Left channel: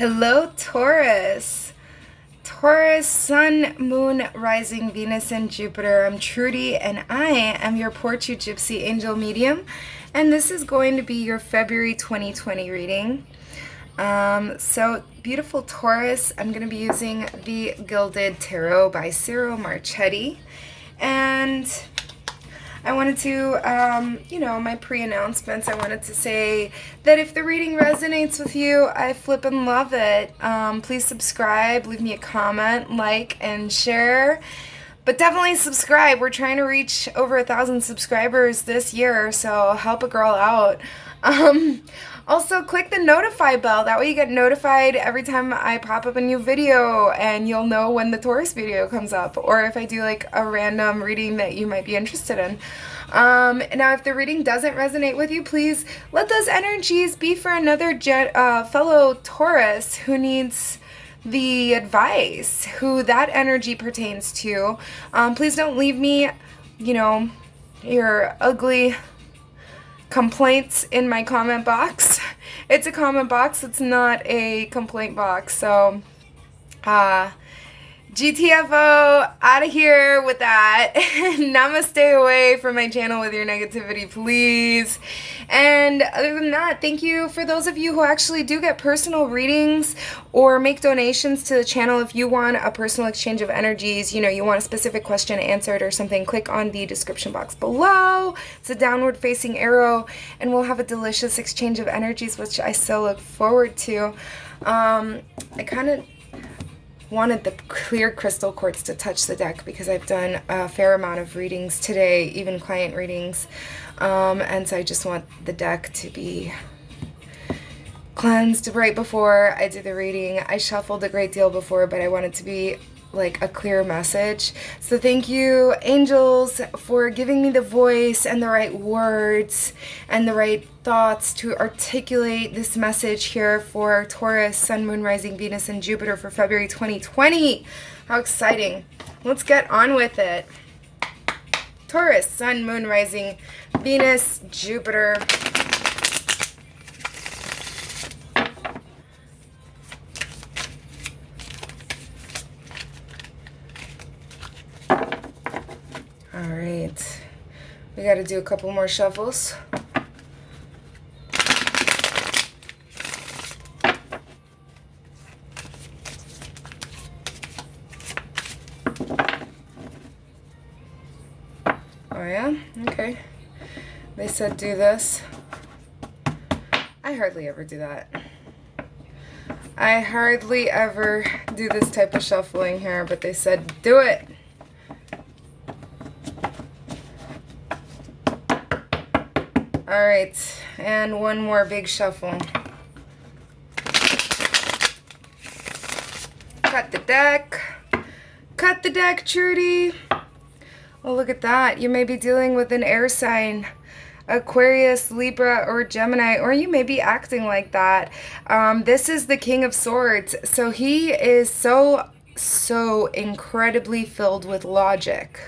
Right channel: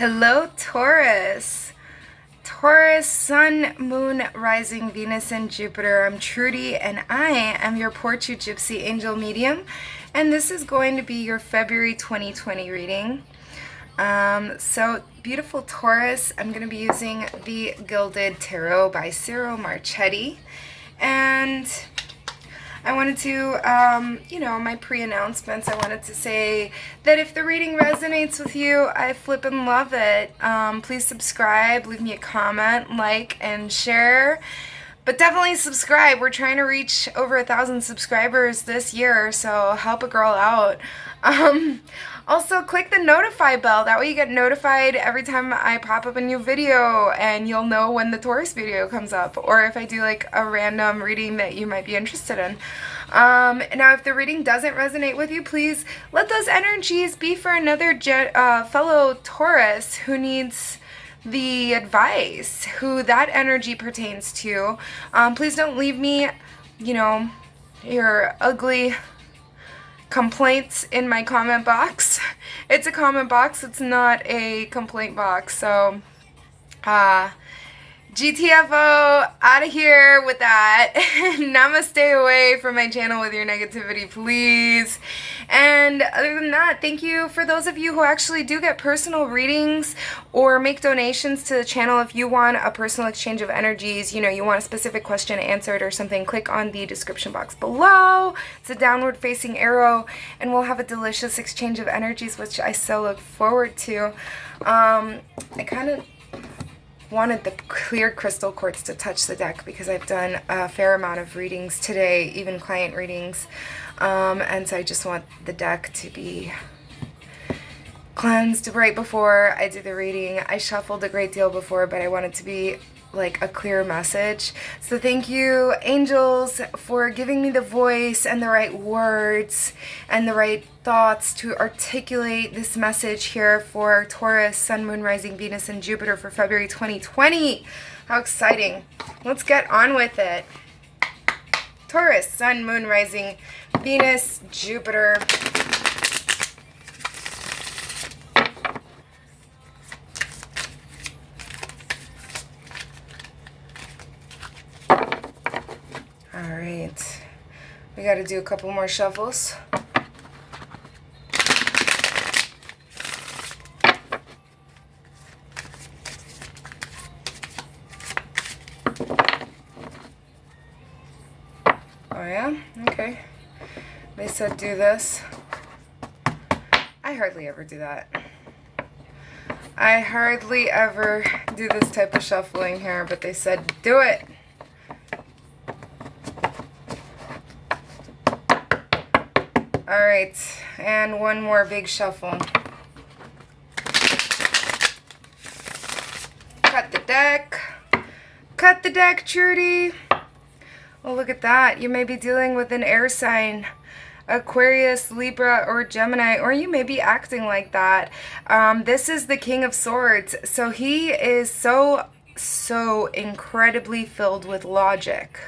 Hello, Taurus. Taurus, Sun, Moon, Rising, Venus, and Jupiter. I'm Trudy, and I am your Portu Gypsy Angel Medium, and this is going to be your February 2020 reading. So, beautiful Taurus, I'm going to be using the Gilded Tarot by Cyril Marchetti, and I wanted to, my pre-announcements, I wanted to say that if the reading resonates with you, I flippin' love it. Please subscribe, leave me a comment, like, and share. But definitely subscribe. We're trying to reach over 1,000 subscribers this year, so help a girl out. Also, click the notify bell. That way you get notified every time I pop up a new video, and you'll know when the Taurus video comes up, or if I do like a random reading that you might be interested in. Now, if the reading doesn't resonate with you, please let those energies be for another fellow Taurus who needs the advice, who that energy pertains to. Please don't leave me, your ugly complaints in my comment box. It's a comment box, it's not a complaint box. So GTFO, out of here with that. Namaste away from my channel with your negativity, please. And other than that, thank you for those of you who actually do get personal readings or make donations to the channel. If you want a personal exchange of energies, you want a specific question answered or something, click on the description box below. It's a downward facing arrow, and we'll have a delicious exchange of energies, which I so look forward to. I kind of wanted the clear crystal quartz to touch the deck because I've done a fair amount of readings today, even client readings, and so I just want the deck to be cleansed right before I do the reading. I shuffled a great deal before, but I want it to be like a clear message. So thank you, angels, for giving me the voice and the right words and the right thoughts to articulate this message here for Taurus, Sun, Moon, Rising, Venus, and Jupiter for February 2020. How exciting. Let's get on with it. Taurus, Sun, Moon, Rising, Venus, Jupiter. All right, we got to do a couple more shuffles. Oh yeah? Okay. They said do this. I hardly ever do that. I hardly ever do this type of shuffling here, but they said do it. All right, and one more big shuffle. Cut the deck. Cut the deck, Trudy. Oh, look at that. You may be dealing with an air sign, Aquarius, Libra, or Gemini, or you may be acting like that. This is the King of Swords. So he is so incredibly filled with logic.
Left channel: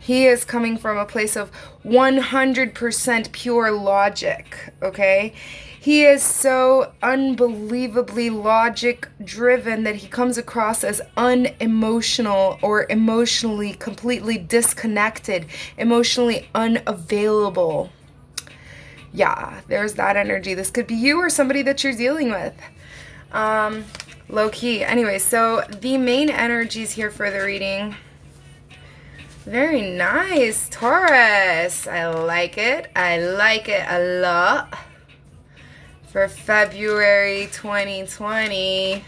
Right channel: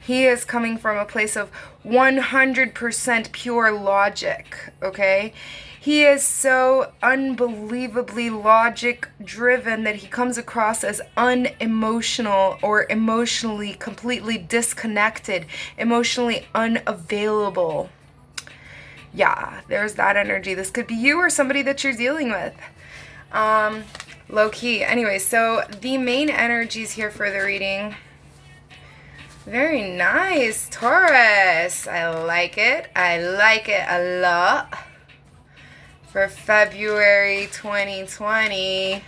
He is coming from a place of 100% pure logic, okay? He is so unbelievably logic-driven that he comes across as unemotional or emotionally completely disconnected, emotionally unavailable. Yeah, there's that energy. This could be you or somebody that you're dealing with. Low-key. Anyway, so the main energies here for the reading. Very nice, Taurus. I like it. I like it a lot. For February 2020.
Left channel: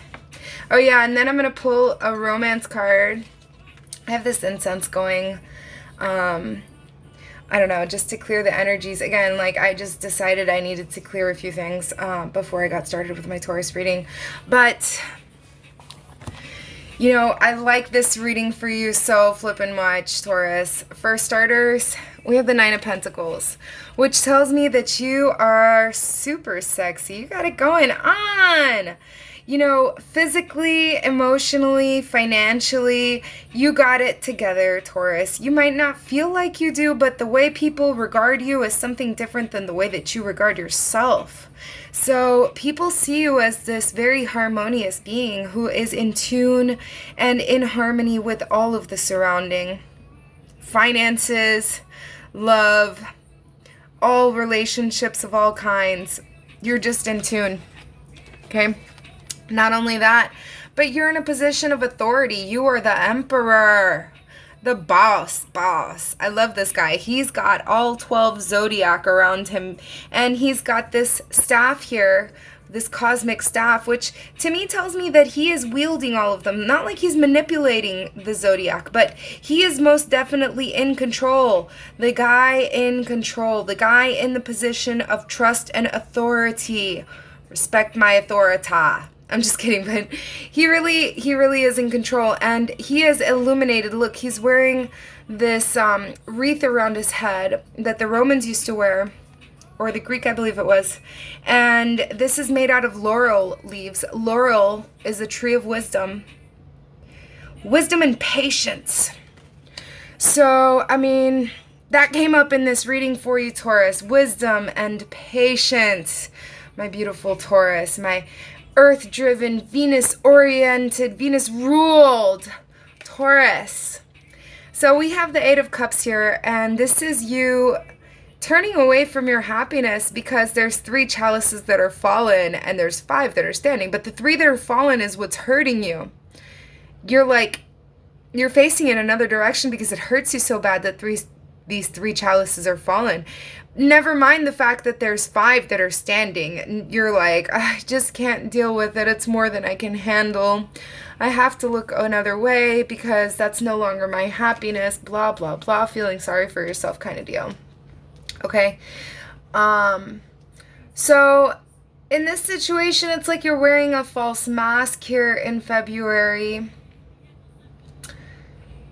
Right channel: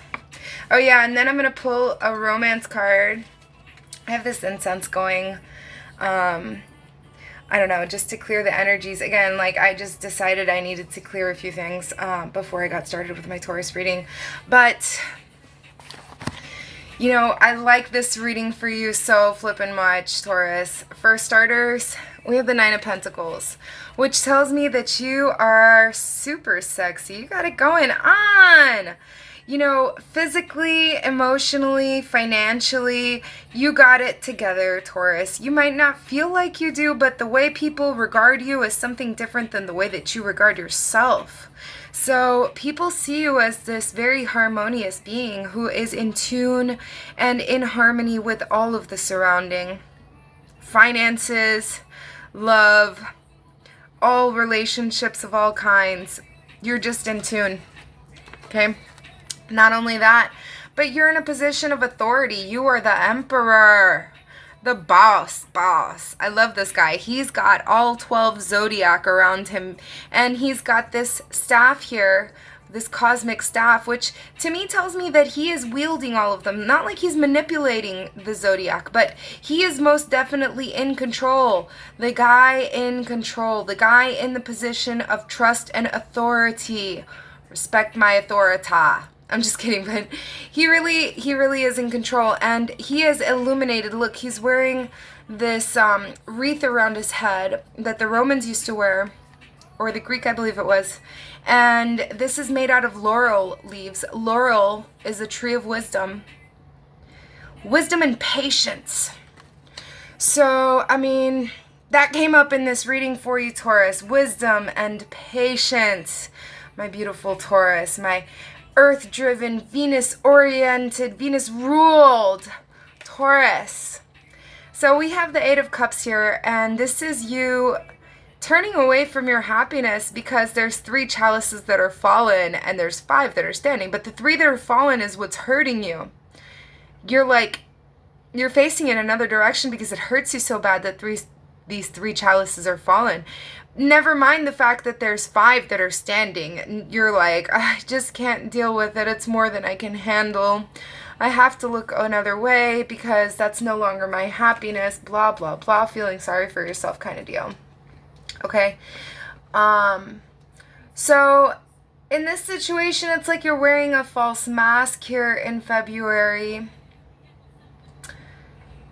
Oh yeah, and then I'm going to pull a romance card. I have this incense going. I don't know, just to clear the energies. Again, like I just decided I needed to clear a few things before I got started with my Taurus reading. But I like this reading for you so flippin' much, Taurus. For starters, we have the Nine of Pentacles, which tells me that you are super sexy. You got it going on. Physically, emotionally, financially, you got it together, Taurus. You might not feel like you do, but the way people regard you is something different than the way that you regard yourself. So people see you as this very harmonious being who is in tune and in harmony with all of the surrounding finances, love, all relationships of all kinds. You're just in tune. Okay? Not only that, but you're in a position of authority. You are the emperor, the boss. I love this guy. He's got all 12 zodiac around him, and he's got this staff here, this cosmic staff, which to me tells me that he is wielding all of them. Not like he's manipulating the zodiac, but he is most definitely in control. The guy in control, the guy in the position of trust and authority. Respect my authority. I'm just kidding, but he really is in control, and he is illuminated. Look, he's wearing this wreath around his head that the Romans used to wear, or the Greek, I believe it was. And this is made out of laurel leaves. Laurel is a tree of wisdom. Wisdom and patience. So, I mean, that came up in this reading for you, Taurus. Wisdom and patience. My beautiful Taurus, my earth-driven, Venus-oriented, Venus-ruled Taurus. So we have the Eight of Cups here, and this is you turning away from your happiness because there's 3 chalices that are fallen and there's 5 that are standing. But the 3 that are fallen is what's hurting you. You're facing in another direction because it hurts you so bad that these 3 chalices are fallen. Never mind the fact that there's 5 that are standing. You're like, I just can't deal with it. It's more than I can handle. I have to look another way because that's no longer my happiness. Blah, blah, blah. Feeling sorry for yourself kind of deal. Okay? So in this situation, it's like you're wearing a false mask here in February.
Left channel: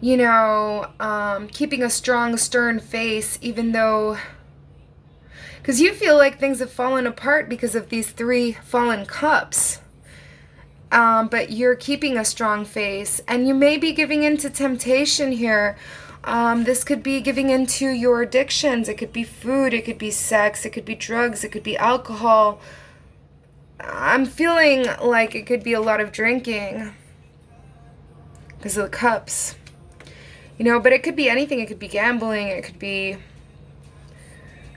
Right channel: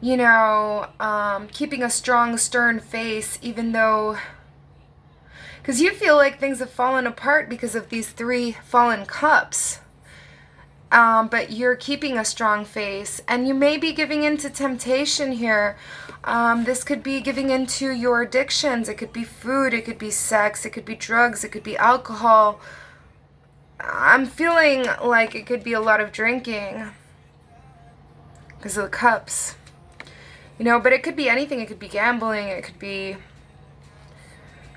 You know, keeping a strong, stern face, even though... Because you feel like things have fallen apart because of these 3 fallen cups. But you're keeping a strong face. And you may be giving into temptation here. This could be giving into your addictions. It could be food. It could be sex. It could be drugs. It could be alcohol. I'm feeling like it could be a lot of drinking because of the cups. You know, but it could be anything. It could be gambling. It could be...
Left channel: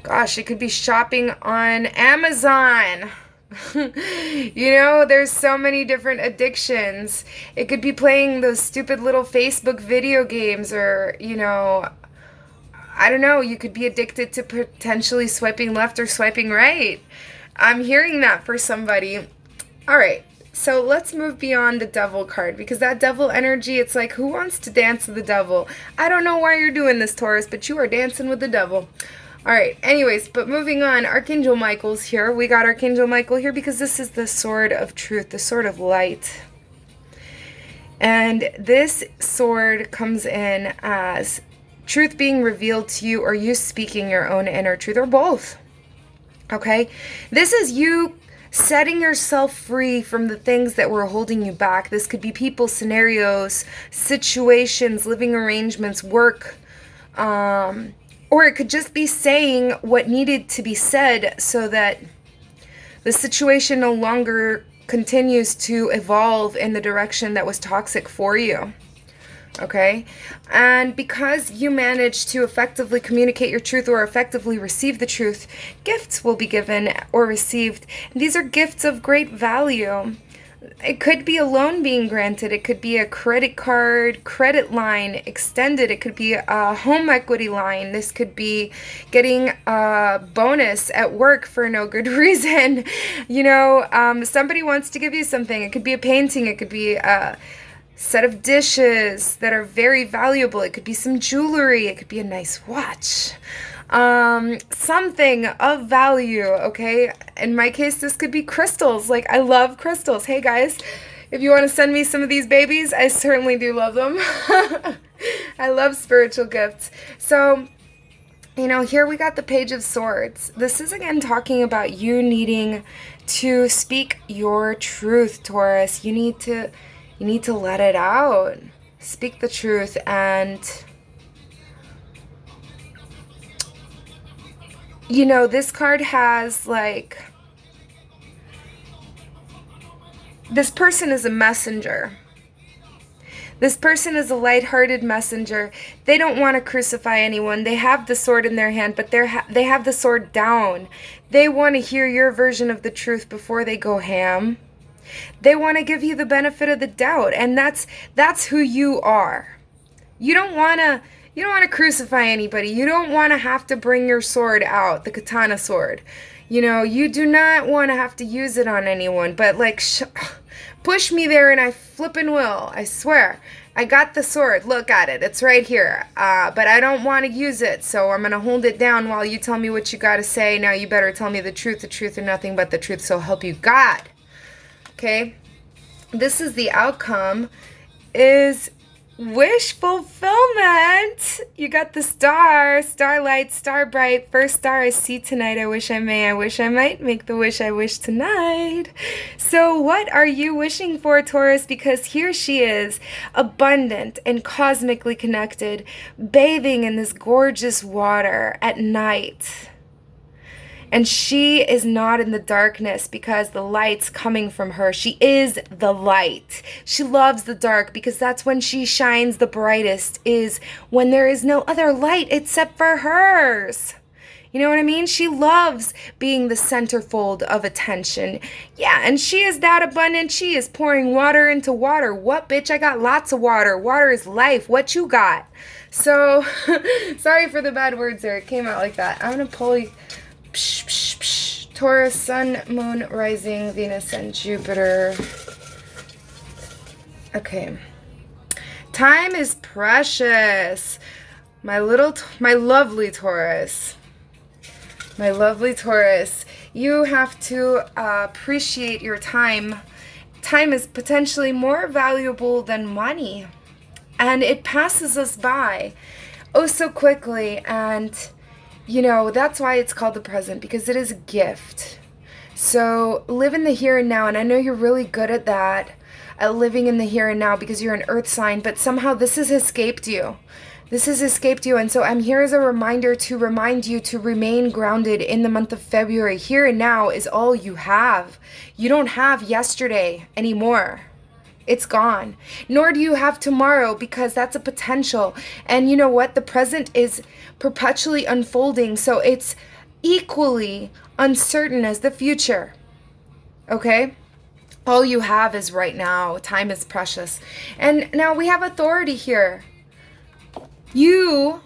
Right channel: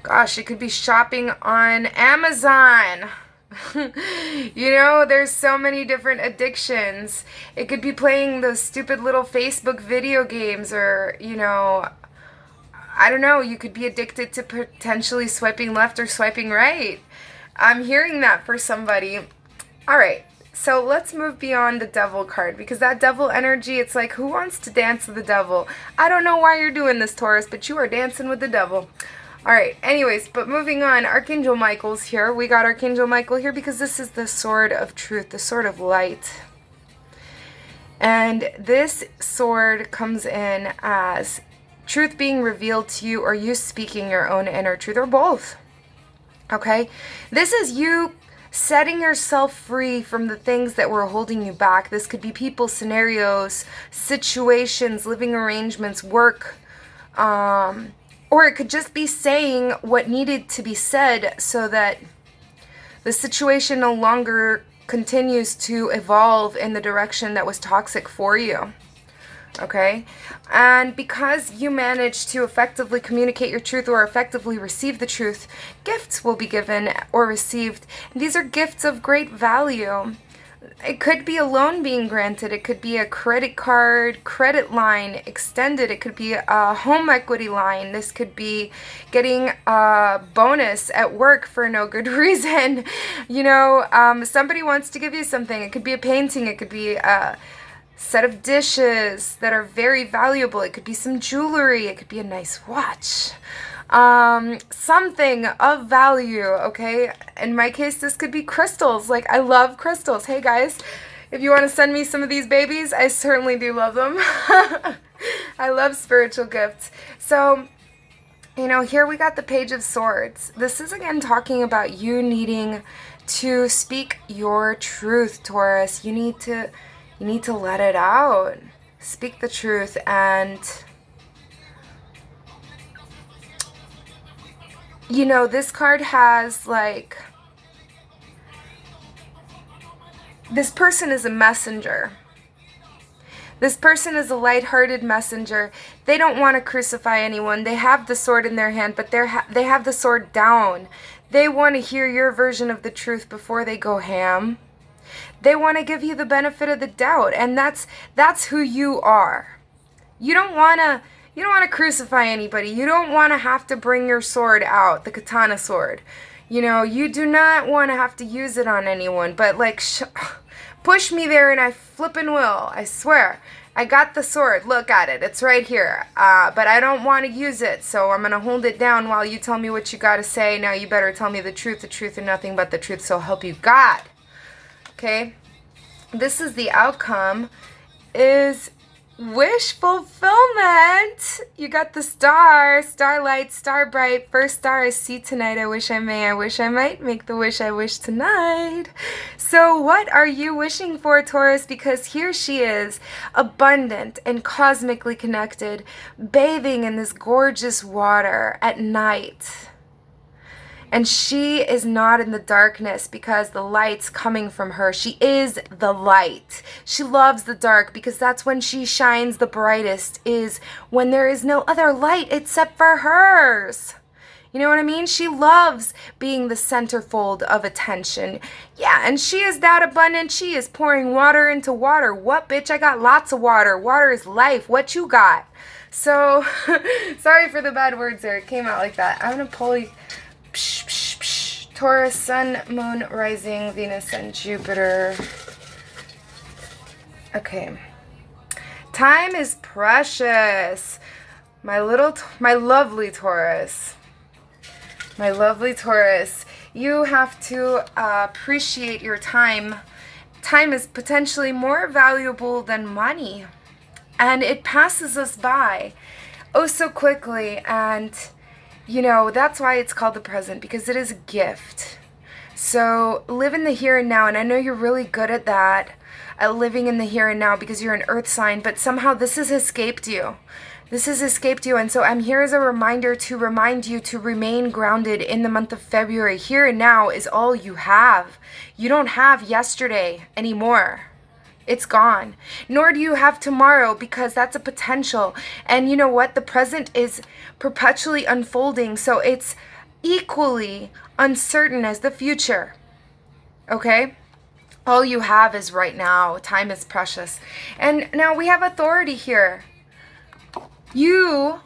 Gosh, it could be shopping on Amazon. You know, there's so many different addictions. It could be playing those stupid little Facebook video games, or, you know, I don't know, you could be addicted to potentially swiping left or swiping right. I'm hearing that for somebody. All right, so let's move beyond the devil card, because that devil energy, it's like, who wants to dance with the devil? I don't know why you're doing this, Taurus, but you are dancing with the devil. All right, anyways, but moving on, Archangel Michael's here. We got Archangel Michael here because this is the sword of truth, the sword of light. And this sword comes in as truth being revealed to you, or you speaking your own inner truth, or both. Okay? This is you setting yourself free from the things that were holding you back. This could be people, scenarios, situations, living arrangements, work, or it could just be saying what needed to be said so that the situation no longer continues to evolve in the direction that was toxic for you. Okay? And because you managed to effectively communicate your truth or effectively receive the truth, gifts will be given or received. And these are gifts of great value. It could be a loan being granted. It could be a credit card, credit line extended. It could be a home equity line. This could be getting a bonus at work for no good reason. You know, somebody wants to give you something. It could be a painting. It could be a set of dishes that are very valuable. It could be some jewelry. It could be a nice watch. Something of value, okay? In my case, this could be crystals. Like, I love crystals. Hey, guys, if you want to send me some of these babies, I certainly do love them. I love spiritual gifts. So, you know, here we got the Page of Swords. This is, again, talking about you needing to speak your truth, Taurus. You need to let it out. Speak the truth. And you know, this card has, like, This person is a messenger. This person is a light-hearted messenger. They don't want to crucify anyone. They have the sword in their hand, but they have the sword down. They want to hear your version of the truth before they go ham. They want to give you the benefit of the doubt, and that's who you are. You don't want to crucify anybody. You don't want to have to bring your sword out, the katana sword. You know, you do not want to have to use it on anyone, but like push me there and I flippin' will. I swear. I got the sword. Look at it. It's right here. But I don't want to use it, so I'm going to hold it down while you tell me what you got to say. Now you better tell me the truth, and nothing but the truth, so help you God. Okay? This is the outcome, is wish fulfillment. You got the star, starlight, star bright. First star I see tonight. I wish I may. I wish I might make the wish I wish tonight. So what are you wishing for, Taurus? Because here she is, abundant and cosmically connected, bathing in this gorgeous water at night. And she is not in the darkness because the light's coming from her. She is the light. She loves the dark because that's when she shines the brightest, is when there is no other light except for hers. You know what I mean? She loves being the centerfold of attention. Yeah, and she is that abundant. She is pouring water into water. What, bitch? I got lots of water. Water is life. What you got? So, sorry for the bad words there. It came out like that. I'm going to pull you... Psh, psh, psh. Taurus, Sun, Moon, Rising, Venus, and Jupiter. Okay. Time is precious. My lovely Taurus. My lovely Taurus. You have to appreciate your time. Time is potentially more valuable than money. And it passes us by oh so quickly, and you know, that's why it's called the present, because it is a gift. So live in the here and now, and I know you're really good at that, at living in the here and now, because you're an earth sign, but somehow this has escaped you. This has escaped you, and so I'm here as a reminder to remind you to remain grounded in the month of February. Here and now is all you have. You don't have yesterday anymore. It's gone. Nor do you have tomorrow, because that's a potential. And you know what? The present is perpetually unfolding, so it's equally uncertain as the future. Okay? All you have is right now. Time is precious. And now we have authority here. You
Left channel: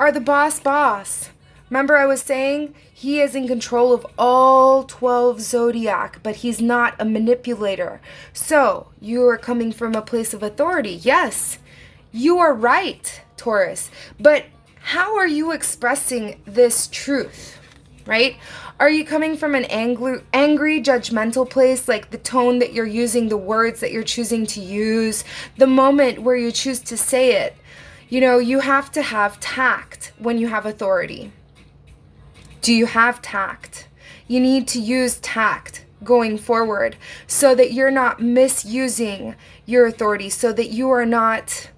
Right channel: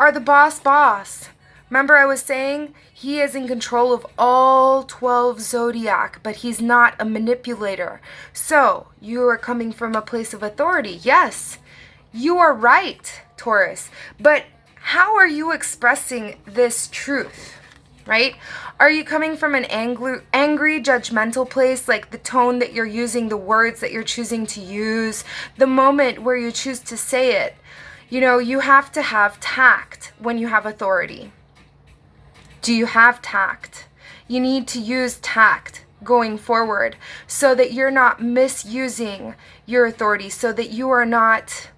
are the boss. Remember I was saying he is in control of all 12 zodiac, but he's not a manipulator. So you are coming from a place of authority. Yes, you are right, Taurus. But how are you expressing this truth, right? Are you coming from an angry, judgmental place, like the tone that you're using, the words that you're choosing to use, the moment where you choose to say it? You know, you have to have tact when you have authority. Do you have tact? You need to use tact going forward so that you're not misusing your authority, so that you are not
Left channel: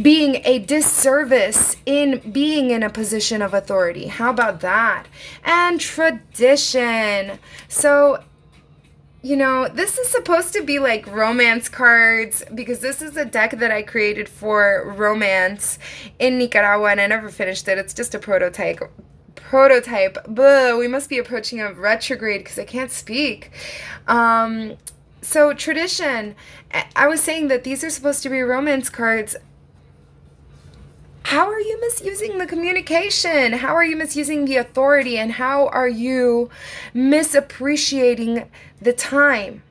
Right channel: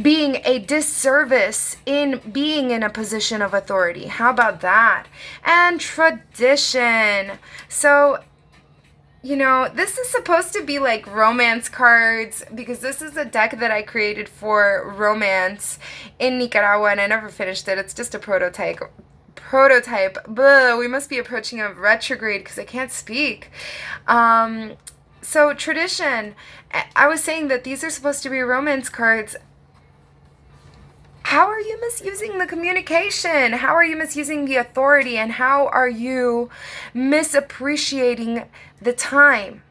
being a disservice in being in a position of authority. How about that? And tradition. So, you know, this is supposed to be like romance cards, because this is a deck that I created for romance in Nicaragua, and I never finished it. It's just a prototype. We must be approaching a retrograde because I can't speak. So tradition. I was saying that these are supposed to be romance cards. How are you misusing the communication? How are you misusing the authority? And how are you misappreciating the time?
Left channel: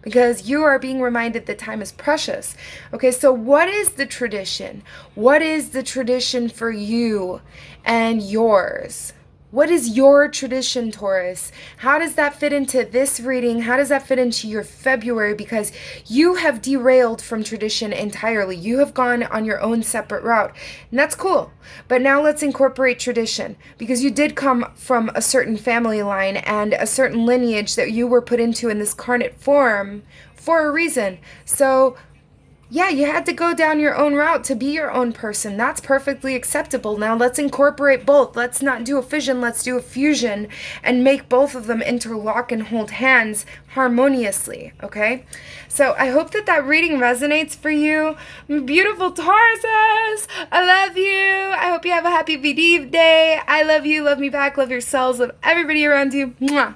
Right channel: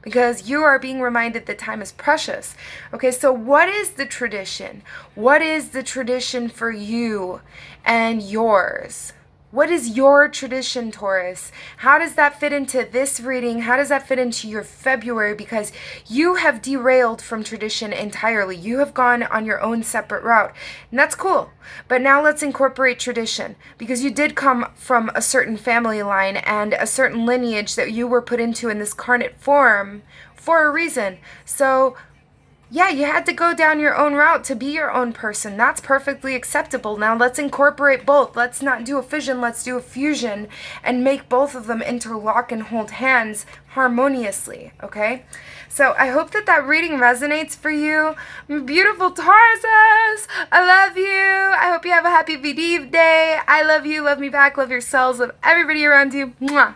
Because you are being reminded that time is precious. Okay, so what is the tradition? What is the tradition for you and yours? What is your tradition, Taurus? How does that fit into this reading? How does that fit into your February? Because you have derailed from tradition entirely. You have gone on your own separate route. And that's cool. But now let's incorporate tradition, because you did come from a certain family line and a certain lineage that you were put into in this carnate form for a reason. So yeah, you had to go down your own route to be your own person. That's perfectly acceptable. Now let's incorporate both. Let's not do a fission, let's do a fusion and make both of them interlock and hold hands harmoniously, okay? So I hope that that reading resonates for you. Beautiful Tauruses, I love you. I hope you have a happy VD day. I love you, love me back, love yourselves, love everybody around you. Mwah.